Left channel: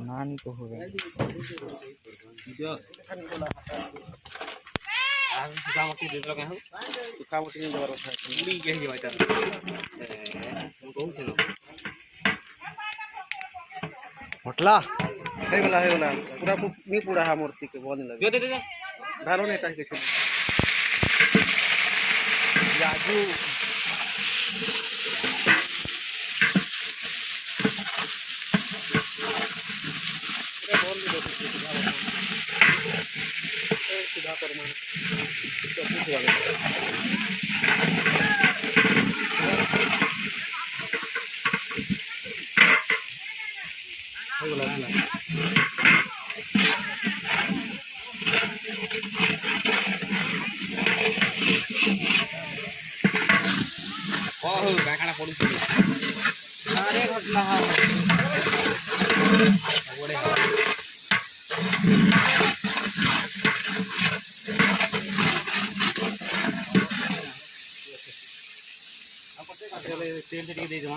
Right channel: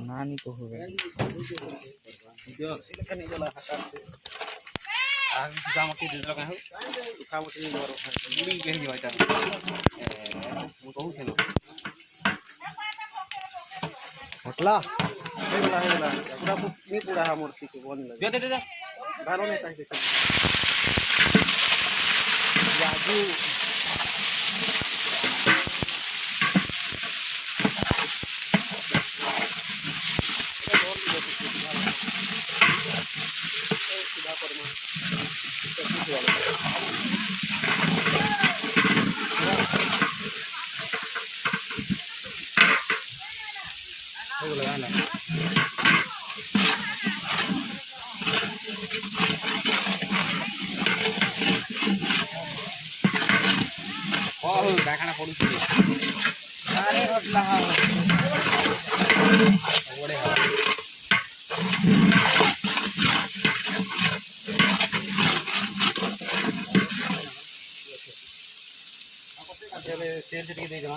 नानी को हो गया होटला पूरा नहीं पूरा है मूर्ति के बहुत लगे घरों में तक देखो राजू କାଣା ପଡୁଛି ଆରେ ରଟଲା ହଁ ବଢେ ହଁ ତେଲ ଟିକେ ଦେଇଦେମା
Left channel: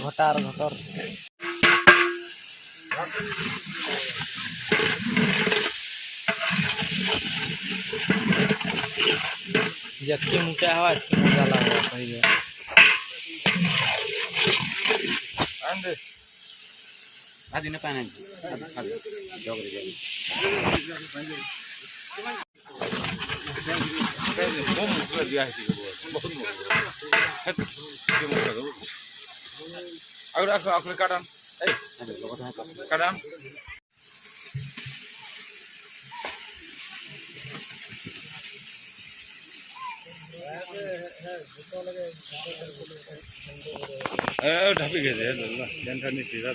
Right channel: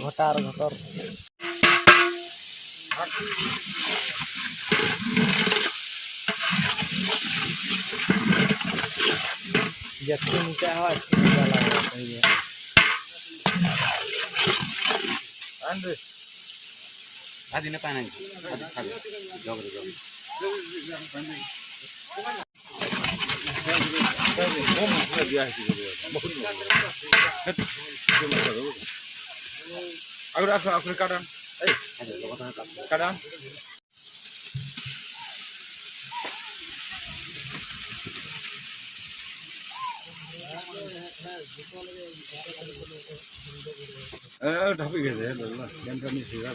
घटार घटर जत्ती ऊंचा हवा मजा लगा कहीं आदि ने पाना आदि जोगरे जोगरे और आखिर काटन काटन ए ढापी गए थे जनता नहीं सीधा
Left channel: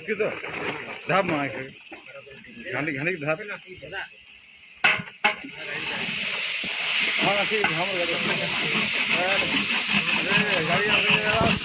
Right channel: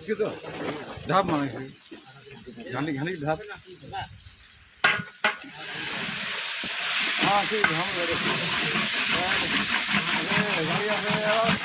कितो धाप माने घानी घानी धाप हां ठीक हम गाड़ी आ गया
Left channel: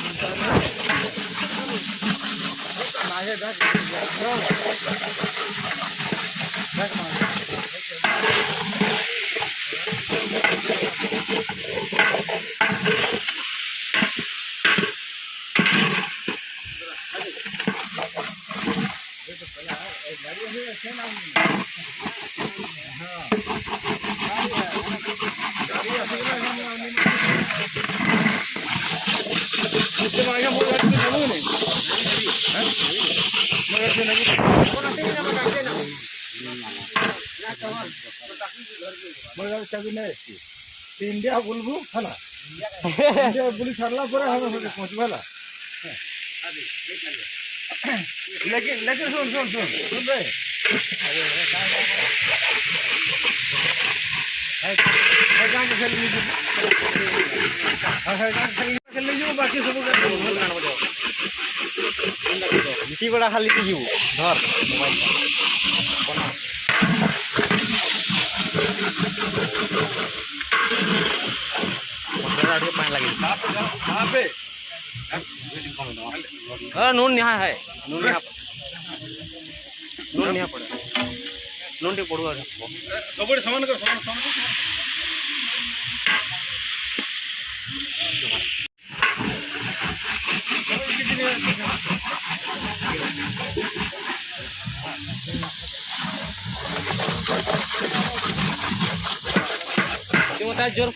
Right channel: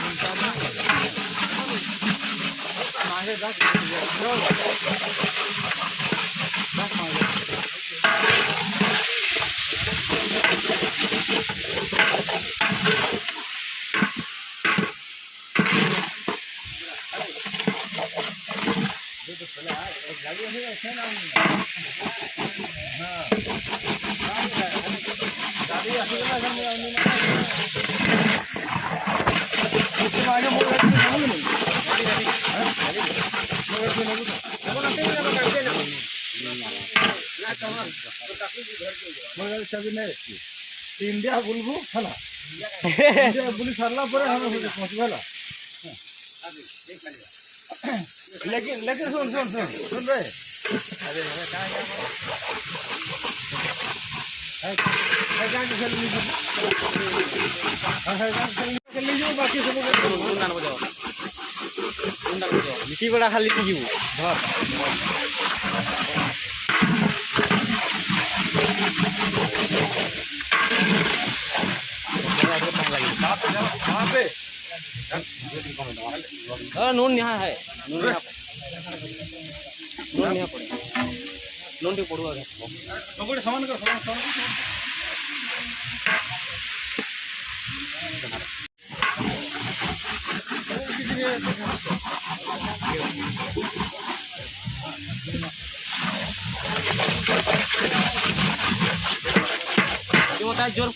इंडिया बुलबू फला इंडिया बुली सरला पर हम पहुंचवाला लेकिन लेकिन सुन सुन सुन सुन रे है गांव के चली है गांव के लिए बाकी सब मिट्टी बड़ा खाली जीव घर नून यहाँ है नून यहाँ पड़े नून टी पड़ुआ सब समान कर जोर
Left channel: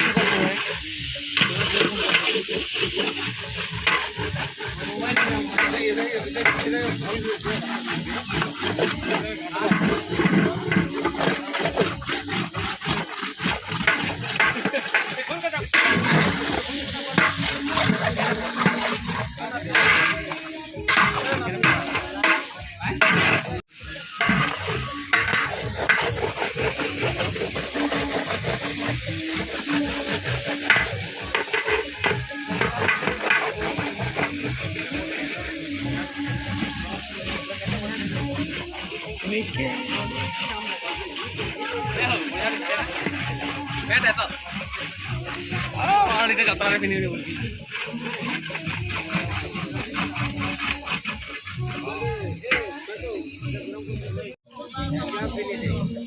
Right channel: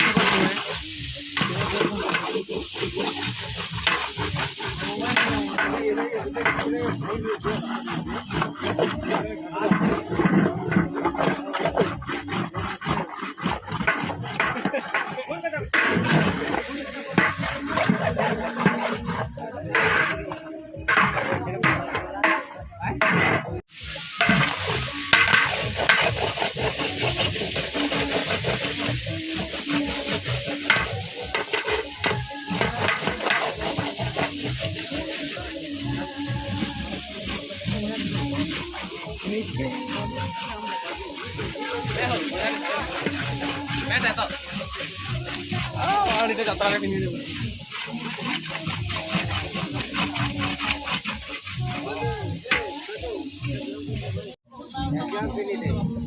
দিতে যাত্রা পিনি দেব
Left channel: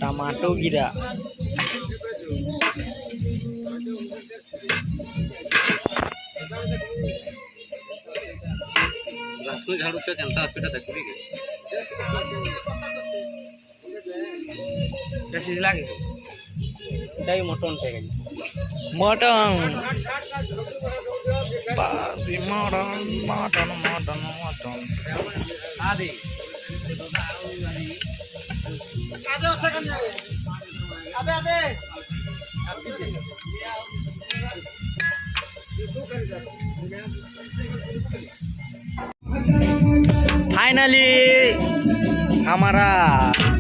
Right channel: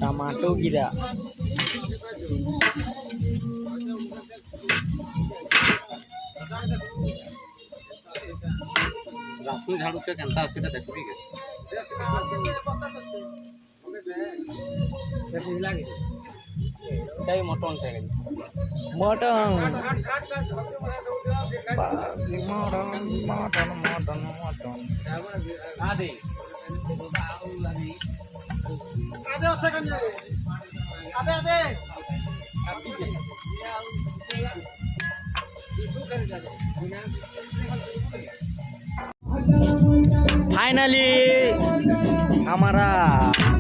टमाटो गिरा लास्ट झाड़ू से केनता हॉस्पिटल देखबी के कैसे लागे दही मटन टे मटन बासी मटन मटन मटन मटन आदि फाइनली हमारा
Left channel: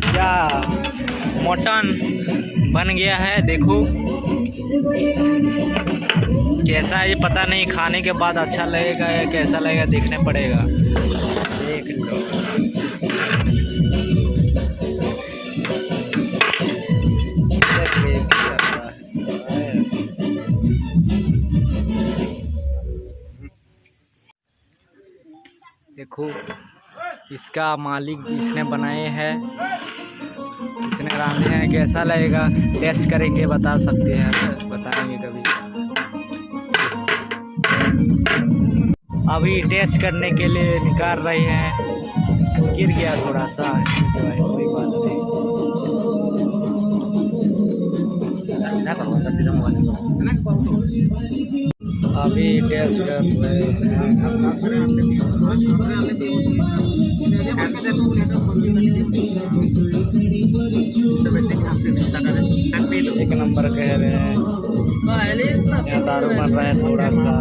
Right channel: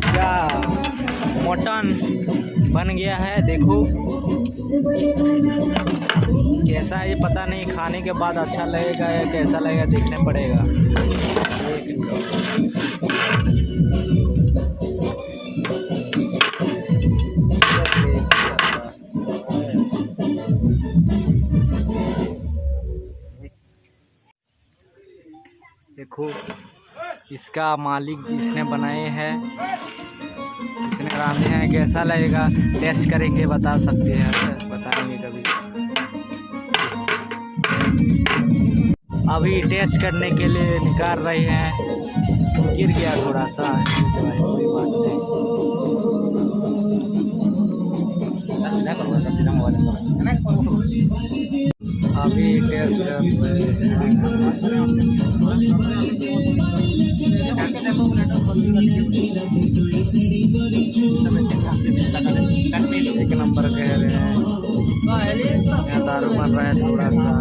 क्या मटन बन गया है। देखो कैसा है ये पता नहीं, खाने के बाद अच्छा लगेगा या कैसा लगेगा देखने पड़ेगा। देख लो देखो इसका मालिक इसने बनाए हैं, इसने रांधे हैं। कैसा लगेगा टेस्ट करेंगे बता सकते हैं, बताएंगे कभी। अभी टेस्ट करने के लिए निकाल रहे हैं, तो गिर गया थोड़ा सा, कोई बात नहीं। अभी टेस्ट कर रहे हैं। एक नंबर कह रहे हैं। यहाँ दारू बन रहा है थोड़ा सा।